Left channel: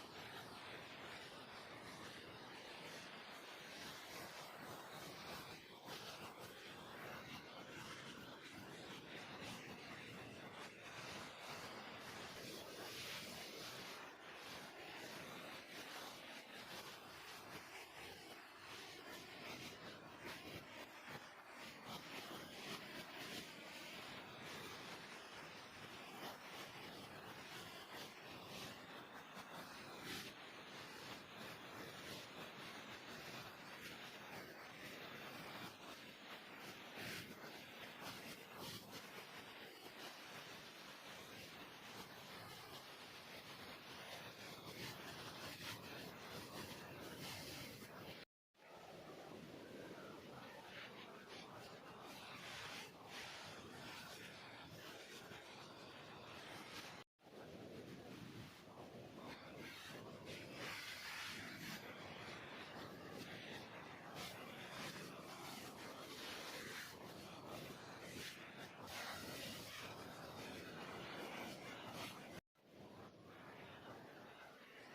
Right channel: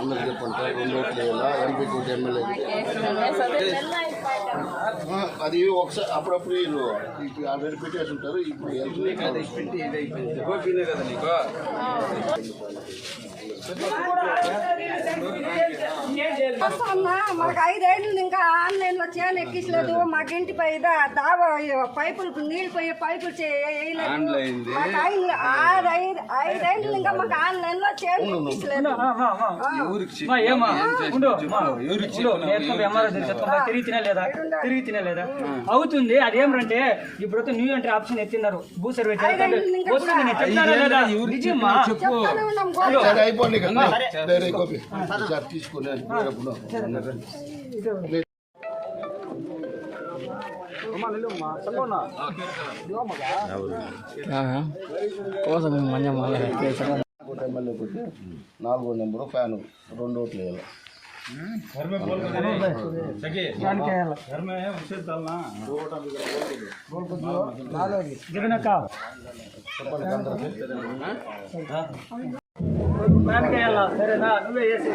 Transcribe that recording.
అందరు చెప్పండి 2 ఓట్లు వేయాలా ఎంపీ కోటి ఎమ్మెల్యే అది ఒకసారి అప్పుడప్పుడు వీళ్ళు ఆల్రెడీ పెట్టేసి ఉంటారు. ఇప్పుడు మాకు 5 ఏళ్ళు ఇంకా ఆన్లైన్ లో చేయని ఎక్కించలేదు. మాకు ఇంటిపై దావా పైపులు నీళ్ళు పోయే పైపులు వేయలేదు. 5 ఏళ్ళు ఇంకా మాకు ఆన్లైన్ లో చేయని ఎక్కించలేదు. తిరిగి తినలేదా అవుతుంది. అదేమంటే ఇప్పుడు న్యూ ఎంట్రీ ఆప్షన్ ఎత్తిన్నారు. భూ సర్వే అయిపోయింది తీసుకుని ఎమ్మెల్యే కొట్టి 4వ నెంబరు ఫ్యాను 2 ఓట్లు వేయాలి. సరేనా నువ్వే చేసి